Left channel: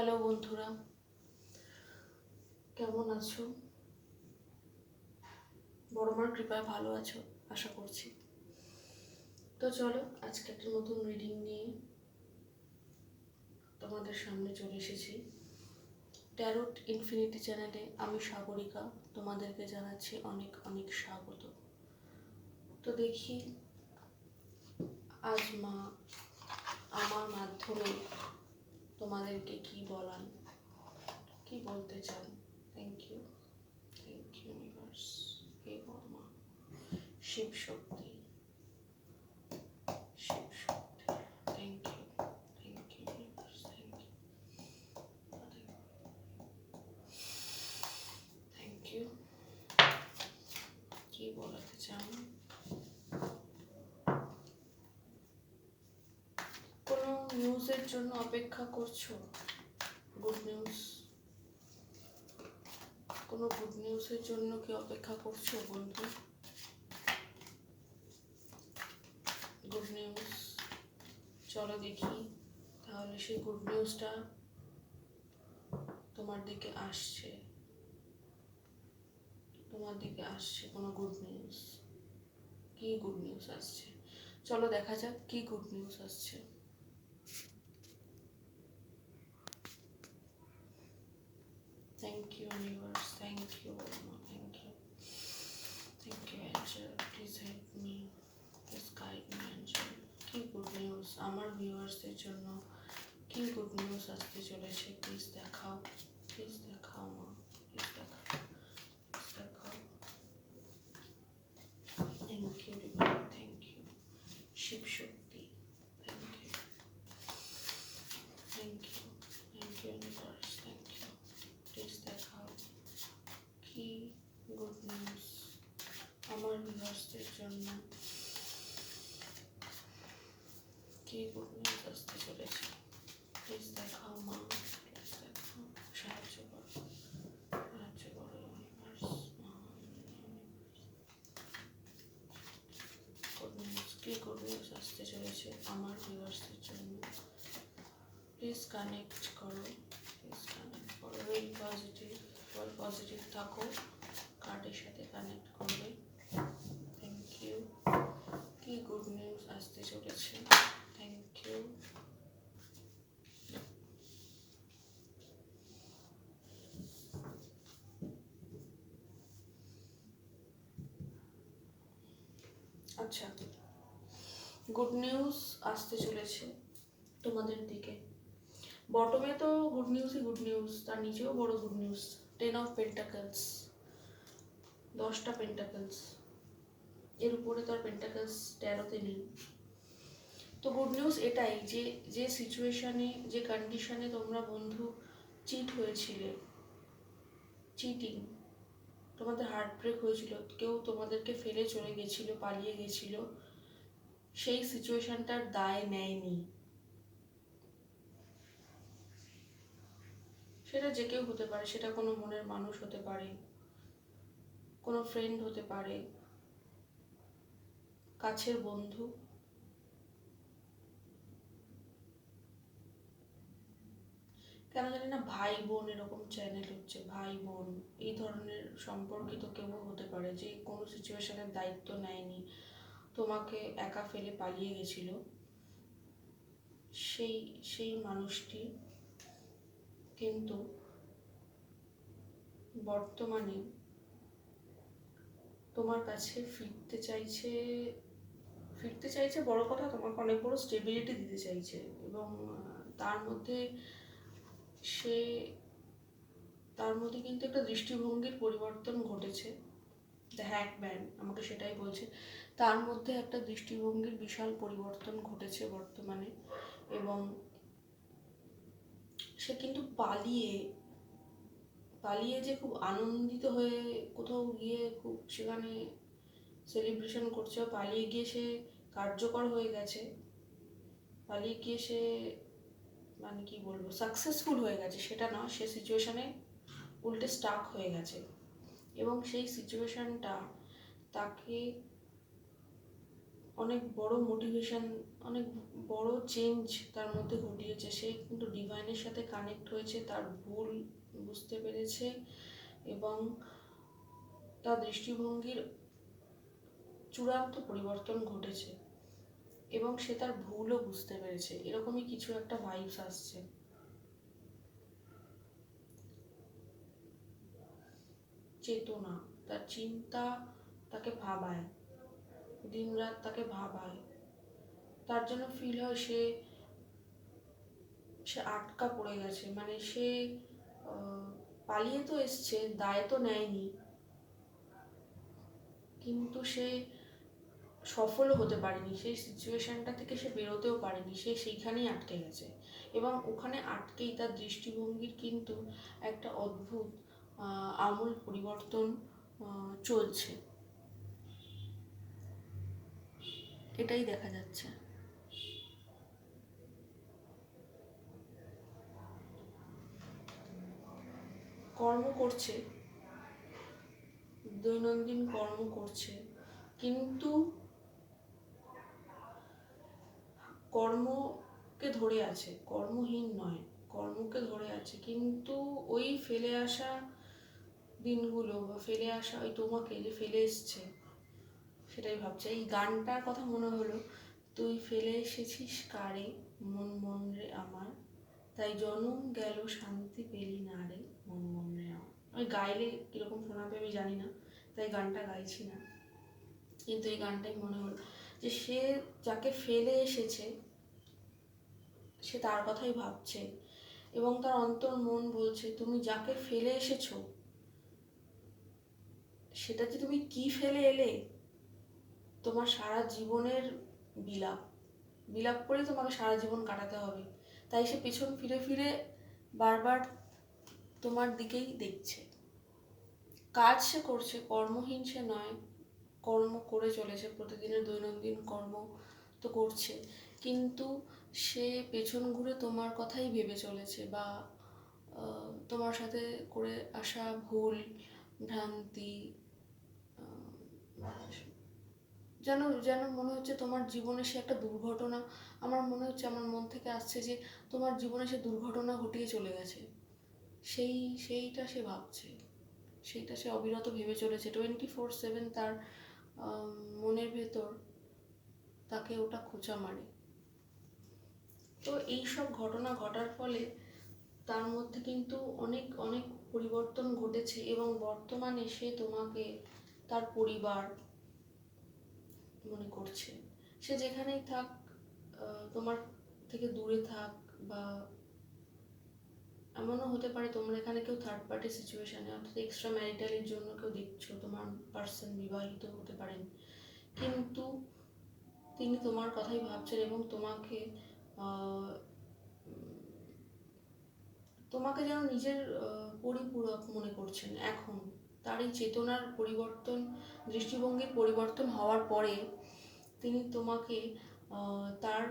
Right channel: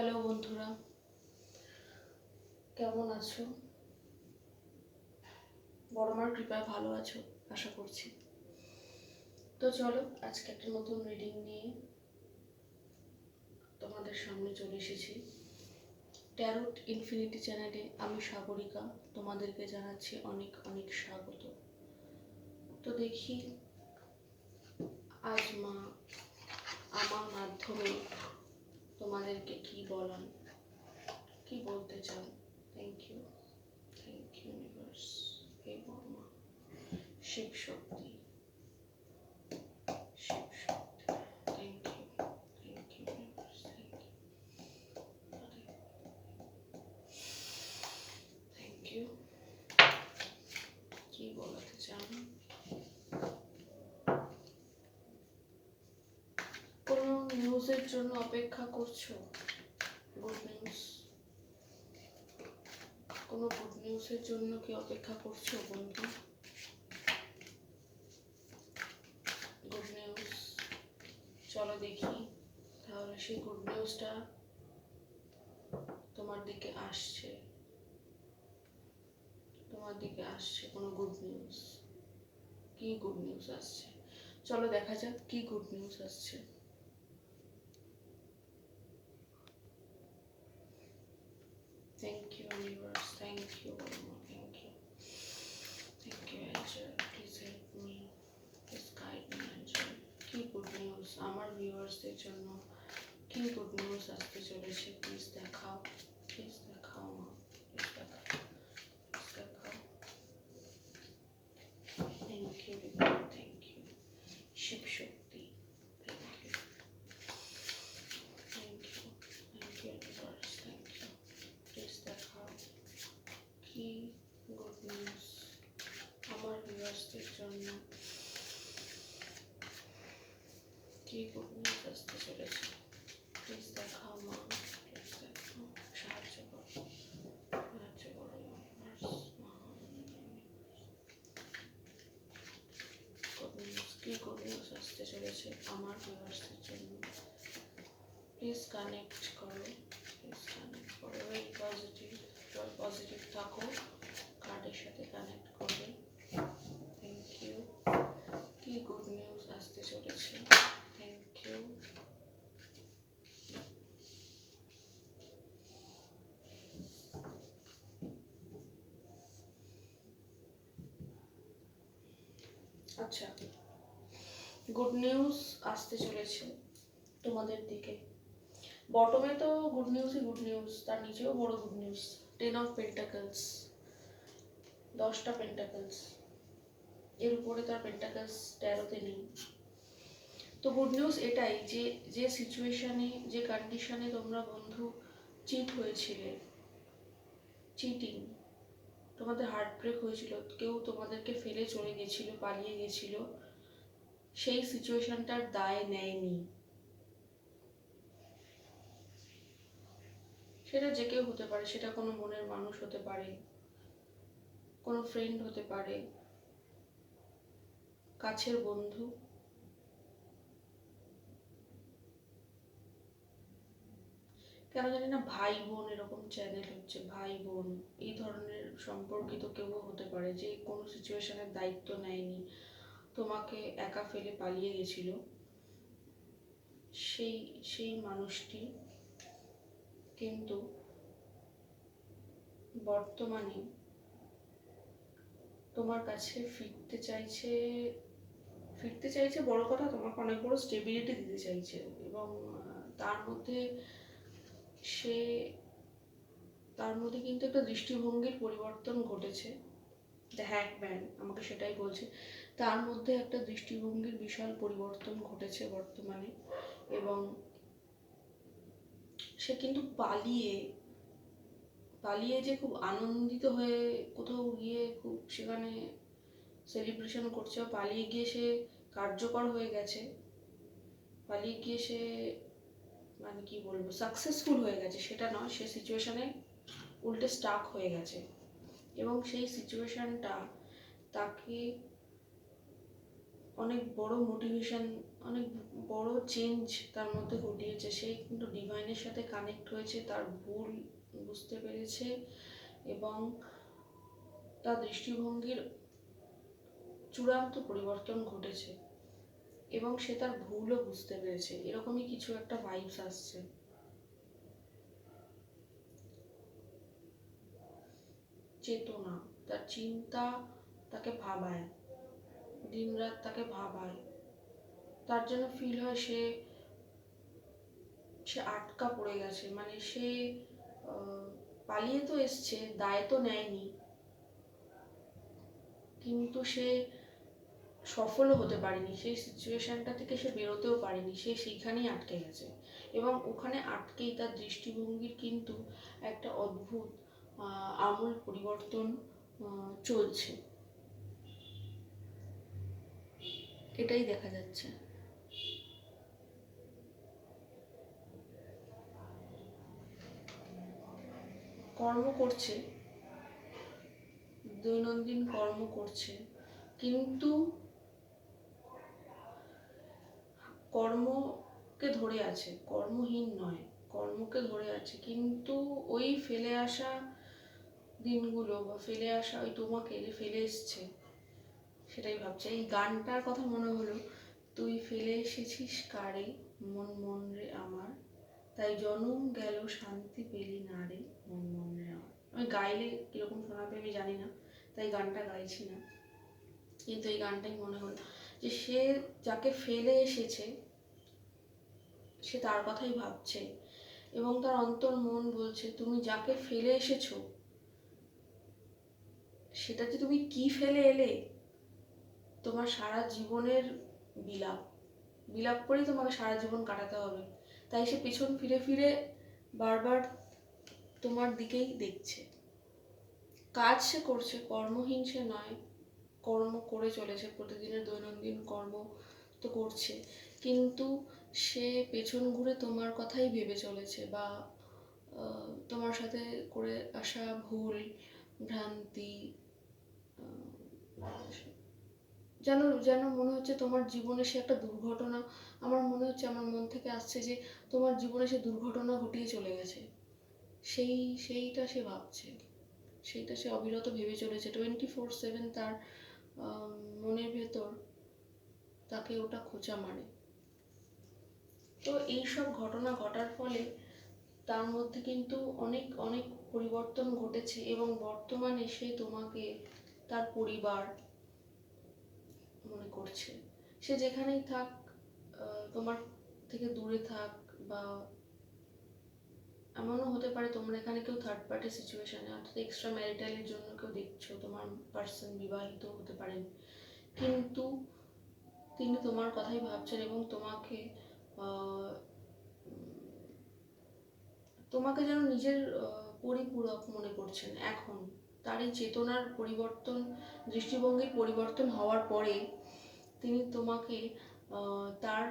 Hello বন্ধুরা, কেমন আছো? বড়মার কৃপায় ভালো আছো আশা করছি। তো চলো আজকে একটা নতুন রিডিং নিয়ে তোমাদের সামনে চলে এসেছি। ট্যারোট ইনফিনিটি চ্যানেলে আমি সাগরিকা তোমাদেরকে জানাচ্ছি অনেক অনেক স্বাগত। তো দেখি আজ মা আমার মাধ্যমে তোমাদেরকে কি বলান, কি বলতে চান। থ্যাংক ইউ ইউনিভার্স, হে Boroma, Shiva Shakti, Shiva Shakti, thank you universe, thank you. কি বলাতে চান? কোনো নিউজের জন্য অপেক্ষা করছো? গুড নিউজ, কোনো গুড নিউজের জন্য কি অপেক্ষা করছো বন্ধু? গুড নিউজ, চলো দেখি তাহলে সেই গুড নিউজটা তোমার দিকে আসছে, তোমার দিকে আসছে কোনো গুড নিউজ। কি গুড নিউজ আসছে চলো দেখা যাক কি গুড নিউজ আসছে। Thank you universe, thank you Orma, thank you angel, please help me, please guide me angel। কি গুড নিউজ আমার ভিউয়ার্সদের জন্য, কি গুড নিউজ আসতে চলেছে? প্লিজ দেখাও, প্লিজ দেখাও মা, প্লিজ দেখাও, প্লিজ দেখাও। Thank you divine, thank you Shiva Shakti, thank you, thank you, thank you universe, thank you. Please দেখাও কি গুড নিউজ আমার ভিউয়ার্সদের জন্য, কি গুড নিউজ আসতে চলেছে? প্লিজ দেখাও মা, প্লিজ দেখাও, সাহায্য করো, সাহায্য করো ইউনিভার্স, গুড নিউজ, কি গুড নিউজ আসতে চলেছে আমার ভিউয়ার্সদের জন্য? প্লিজ কানেক্ট করো, প্লিজ কানেক্ট করো, ভেরি পজিটিভ, পজিটিভ থাকো কার্ডের সাথে কানেক্ট করবে। থ্যাংক ইউ, কি গুড নিউজ আসতে চলেছে? Thank you. আচ্ছা, গুড নিউজ আসতে চলেছে তোমাদের দিকে। বটমে তো গুড নিউজই গুড নিউজ, তার নিচেও বড় গুড নিউজ। 10 অফ পেন্টাকলস, 10টা পেন্টাকলস, এর উপরে তো আর পেন্টাকলস 13তে নেই। তো গুড নিউজ এটাই যে যে সিচুয়েশনে, যে কন্ডিশনে তোমরা বন্ধু চিট হয়েছিলে, চিটিং, তোমাদের হার্ট ব্রেক হয়েছিল, কেউ তোমাদেরকে ফেলে চলে গেছিল, পালিয়ে গেছিল, সেই সিচুয়েশনটার দায় নেয়নি। সেটা যে কেউ হতে পারে, সেটা কোনো মনের মানুষ হতে পারে, কোনো ফ্রেন্ড হতে পারে, কাছের বন্ধু, কেন জানি না ভাই বোন এরকম চ্যানেল হচ্ছে, ভাই বোন এই ধরনের সম্পর্কিত কেউ হতে পারে যে কোনো সিচুয়েশনের দায়িত্ব নেয়নি, তোমাকে একা ফেলে পালিয়ে গেছিল। সেই সেই মানুষটি কিন্তু বর্তমানে তোমার কাছে ফিরতে চাইছে বড় কথা, তোমাকে অনেক বড় স্টেবিলিটি দিতে চাইছে, এবং তার মধ্যে সে তার মধ্যে কিন্তু একটা দৃষ্টিভঙ্গির পরিবর্তন ঘটেছে। দ্য হ্যাকম্যান আমাকে সেটাই বলছে, তার মধ্যে একটা দৃষ্টিভঙ্গির বিশাল পরিবর্তন ঘটেছে বর্তমানে, এবং সে কিন্তু পালিয়ে পালিয়ে যে খুব আনন্দিত হয়ে কোথাও গিয়ে খুব সেখানে সেলিব্রেশন করছে, পালিয়ে গিয়ে সে কার্যকর হয়ে গেছে, পালিয়ে গিয়ে সে মানে কি বলবো সাকসেসফুল হয়ে গেছে সেটা নয়, সে সিচুয়েশনে উল্টে স্টাক হয়ে গেছে, এবং সেই সিচুয়েশনটা তাকে অনেক বড় মোটিভেশন, অনেক বড় চেঞ্জ তার মধ্যে ঘটিয়েছে। সে কিন্তু ডিভাইনের সাথে কানেক্ট হয়েছে, তার ভুল বুঝতে পেরেছে এবং তার দৃষ্টিভঙ্গির চূড়ান্ত পরিবর্তন ঘটেছে এবং সে তার ভুলও বুঝতে পেরেছে। এরকমই কিছু একটা ভাইবস আসছে। চেতনা, তার চিন্তা তাকে ভাবায়, দিনরাত তাকে ভাবায়। তার জন্য ফিল হয় সে সে আটকা পড়ে গেছে। মানে সে পালিয়ে তো এসছে, দায় তো নেয়নি, কিন্তু সে সফলও হতে পারেনি। সেই সিচুয়েশনটা থেকে সে বেরোতেও পারেনি, সে সেইখানেই আটকে গেছে এবং ওখানে আটকেই তার দৃষ্টিভঙ্গির কিন্তু একটা অদ্ভুত আমূল পরিবর্তন চলছে। এটাই দেখা যাচ্ছে। কর্ম করছে, দৈনন্দিন কর্ম করছে, কিন্তু কর্মকে ধরে আছে, কর্মহীন নয়, কর্মকে ধরে আছে। কিন্তু ওই ফেলে আসা দিনগুলো বা ফেলে আসা ওই তোমাকে যে ফেলে এসছে, সেটাই ভাবছে। এই গানটার কথা মনে হলো, তুই ফেলে এসেছিস কারে মন মন রে আমার, তাই জনম গেল শান্তি পেলি না রে মন মন রে আমার। আমি গাইলে কিরকম শোনাবে আমি জানি না, তাই গানটা গাইছি না, কিন্তু এই গানটাই মনে হলো যে সে যাকে ফেলে এসেছে সে তার কথাই ভাবছে এবং তার অন্তর মন বলছে তুমি যাকে ফেলে এসেছো সেটা যে তুমি কি ফেলে এলে, তোমার সারা জীবনের বিলাপ বিলাপ করেই তোমাকে সারা জীবন কাটাতে হবে। তাই সে পিছন ফিরে ফিরে বারবার তোমার দিকেই দেখছে। কাজ সে করছে, কর্মহীন সে নয়, কর্ম করে চলেছে, প্রতিদিনের দৈনন্দিন কর্ম তো করছে, কিন্তু সে পেছন ঘুরে তোমার কথাই ভেবে চলেছে বা তোমার সাথে করে আসা ভুল ভ্রান্তি, যেন যেন মনে হচ্ছে তোমার জীবনে সে একটা দুর্ঘটনা। আমার মনে হচ্ছে, আমার মন থেকে আসছে যে তোমার জীবনে সে দুর্ঘটনা ঘটিয়ে চলে গেছে। সেইটা সে ভাবছে, সেইটা সে অবিরত ভেবে চলেছে। 24/7 তার মনের ভেতর তাকে ওটা খোঁচা মারে। তো এইসব ঘটনা ঘটার ফলে তার মধ্যে কিন্তু অনেক অনেক পরিবর্তন ঘটেছে এবং বর্তমানে সে তোমাকে তার পরিবার মনে করছে। সে যেখানেই থাক, তোমার থেকে দূরে থাক, বা এমনও হতে পারে তোমার এখানে কেউ থার্ড পার্টি সিচুয়েশনে, অর্থাৎ এক্সট্রা ম্যারিটালের জন্য কেউ দেখছো, তোমার পার্সন বিবাহিত হতে পারেন, কিন্তু তিনি তোমার কথাই ভাবছেন এবং তোমাকে তোমাকে যেন নিজের পরিপূরক মনে করছেন। এখন তার এই চেতনার পরিবর্তন, দৃষ্টিভঙ্গির পরিবর্তন হওয়ার পরে তিনি তোমাকে তার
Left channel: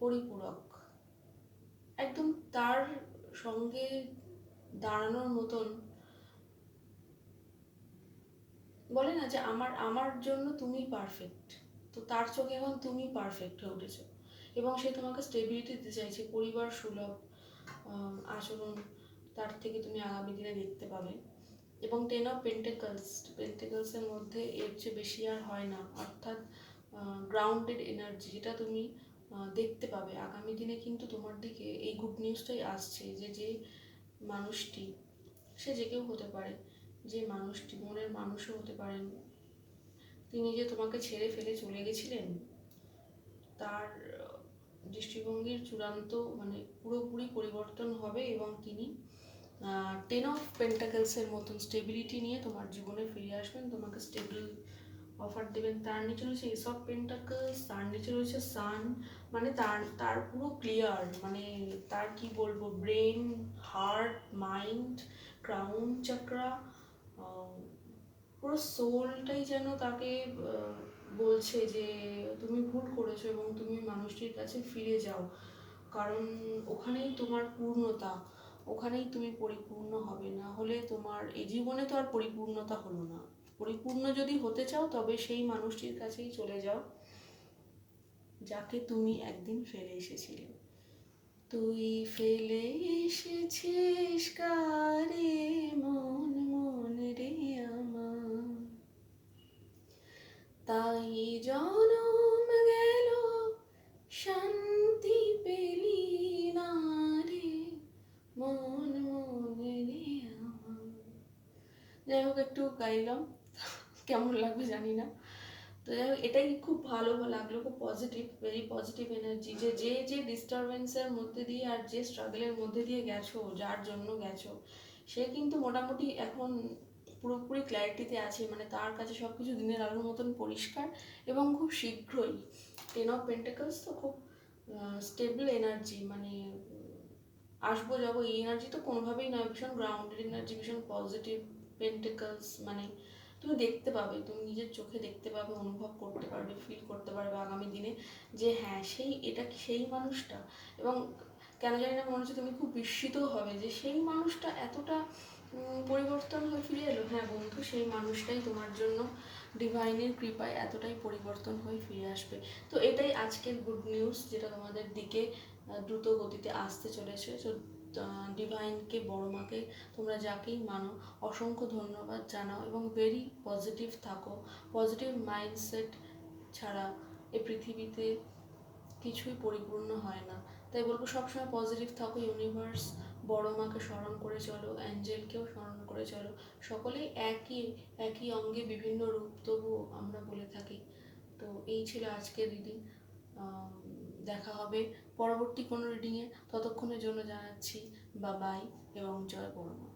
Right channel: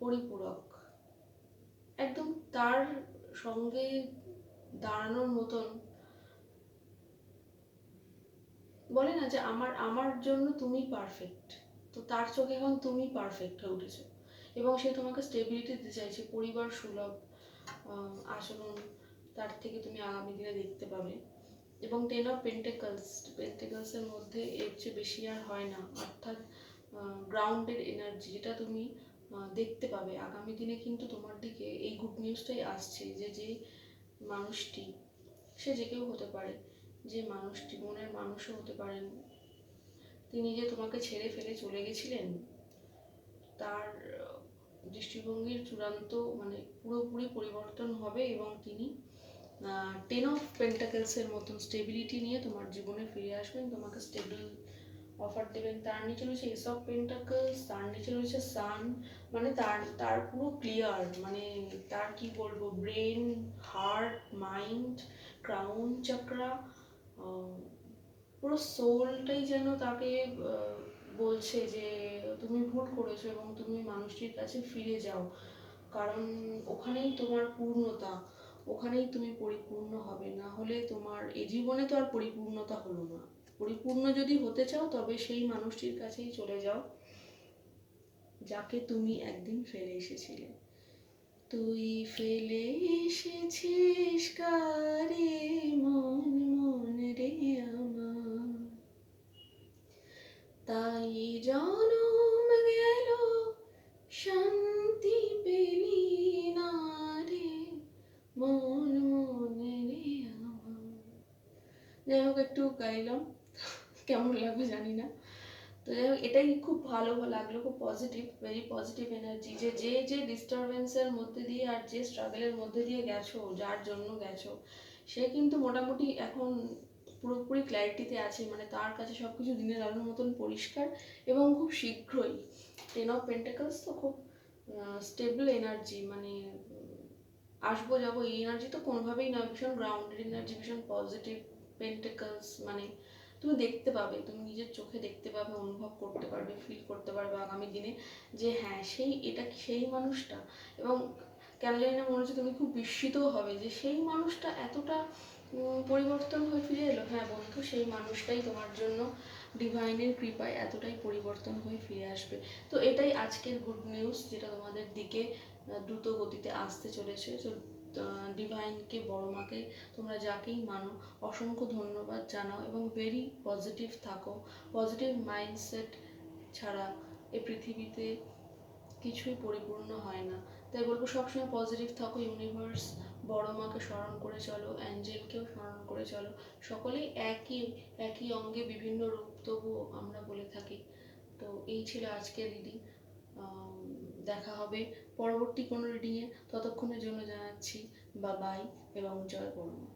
পরিপূরক, একদম তার সঙ্গে দাঁড়ানোর মতন, বলে না যে আমার আমার জন্য তুমি পারফেক্ট, তো তার চোখে এখন তুমি পারফেক্ট হয়ে উঠেছো এবং সে তোমাকে স্টেবিলিটি দিতে চাইছে, পরিবার সুলভ আচরণ তার থেকে তুমি আগামী দিনে দেখতে পাবে। এবং 10 অফ পেন্টেকলসের মধ্যে এর চেয়ে বেশি আর হয় না, অর্থাৎ গ্রাউন্ডেড এনার্জি, যেটা তুমি দেখতে পাবে আগামী দিনে। কিন্তু তোমার দিকে এই গুড নিউজটাই আসছে যে যে মানুষটি, সে যে কেউ হতে পারে, যে মানুষটি মনের মানুষও হতে পারেন, তিনি যে তোমাকে ছেড়ে ফেলে চলে গেছিলেন, তার দৃষ্টিভঙ্গির চূড়ান্ত মানে পুরোপুরি পরিবর্তন হবে এবং তিনি 10 অফ পেন্টাকেলসের মতন স্টেবিলিটি নিয়ে তোমার জীবনে ফিরে আসবেন, তোমাকে স্টেবল অফার দেবেন। তার নিচে রয়েছে এস অফ পেন্টাকেলস, তার নিচে রয়েছে সান, মানে তার তার পুরো ক্লিয়ার, মানে তার কি বলবো, ব্রেন, হার্ট, মাইন্ড, ক্রাউন চাকরা, পুরো সোলটাই যেন তাকে বলছে যে তুমি ভুল করেছো এবং তুমি মানুষটির কাছে ফিরে যাও, কারণ ওখানেই তোমার পূর্ণতা, ওখানেই তুমি পরিপূর্ণ হবে, না হলে তোমার এই জীবনে তো আর পরিপূর্ণতা হলো না। পরিপূর্ণ যদি হতে চাও তবে সেই মানুষটির কাছেই চলে যাও যাকে তুমি একদিন ফেলে এসেছিলে। তুই ফেলে এসেছিস কারে মন মন রে আমার, তাই জনম গেল শান্তি পেলি না রে মন মন রে আমার। যাই হোক, একটু গাইলাম, কেমন লাগবে জানি না। তো যাই হোক, এটাই খুব ভালো লাগলো, খুব পজিটিভ, ভেরি পজিটিভ এনার্জি, যে যে যে ডিস্টারবেন্সের মধ্যে দিয়ে আর যে স্ট্রাগলের মধ্যে দিয়ে গেছো, যার জন্য গেছো, সে কিন্তু মোটামুটি এখন পুরোপুরি ক্ল্যারিটিতে আছে, মানে তার কাছে সব কিছু দিনের আলোর মতন পরিষ্কার, এবং খুব শীঘ্রই 10 অফ পেন্টাকলস তো খুব স্টেবল এনার্জি, মানে আসবো যাবো এই এনার্জি তো কোনোভাবেই না, ভীষণ গ্রাউন্ডেড এনার্জি, ভীষণ পজিটিভ পেন্টাকলস। মানে তুমি দেখতে পাবে, তুমি নিজের চোখে দেখতে পাবে, অনুভব করতে পারবে, ফিল করতে পারবে আগামী দিনে যে হ্যাঁ এটা সেই মানুষটা। এবং কেন জানি না মনে হচ্ছে তুমি খুব বিস্মিতও হবে যে সেই মানুষটা এতটা পরিবর্তন হয়ে ফিরে এলো। হ্যাঁ বন্ধু, সেই মানুষটাই তোমার জন্য ডিভাইনের কৃপায় এতটাই পরিবর্তন হয়ে ফিরে আসবে। তো এটাই আজকের গুড নিউজ, যেটা তোমাদের দিকে দ্রুত গতিতে আসতে চলেছে। তো ডিভাইনকে, বড় মাকে, তোমরা যাকেই মানো অসংখ্য ধন্যবাদ জানাও এবং ভেরি পজিটিভ থাকো। পজিটিভ মাইন্ডসেট ছাড়া এই পৃথিবীতে কিছুই পরিপূর্ণ হয় না। তাই বলবো সবসময় পজিটিভ থাকো। ইউনিভার্স, বড় মাকে স্মরণ করে চলো, অ্যাঞ্জেলকেও স্মরণ করে চলো। সকলেই একই একই অঙ্গে বিভিন্ন রূপ, তবুও আমরা বলে থাকি। তো এই ছিল আজকের রিডিং। দেখা হবে পরবর্তী কোনো রিডিংয়ে। ততক্ষণের জন্য জানাচ্ছি বাবাই এবং জয় বড় মা।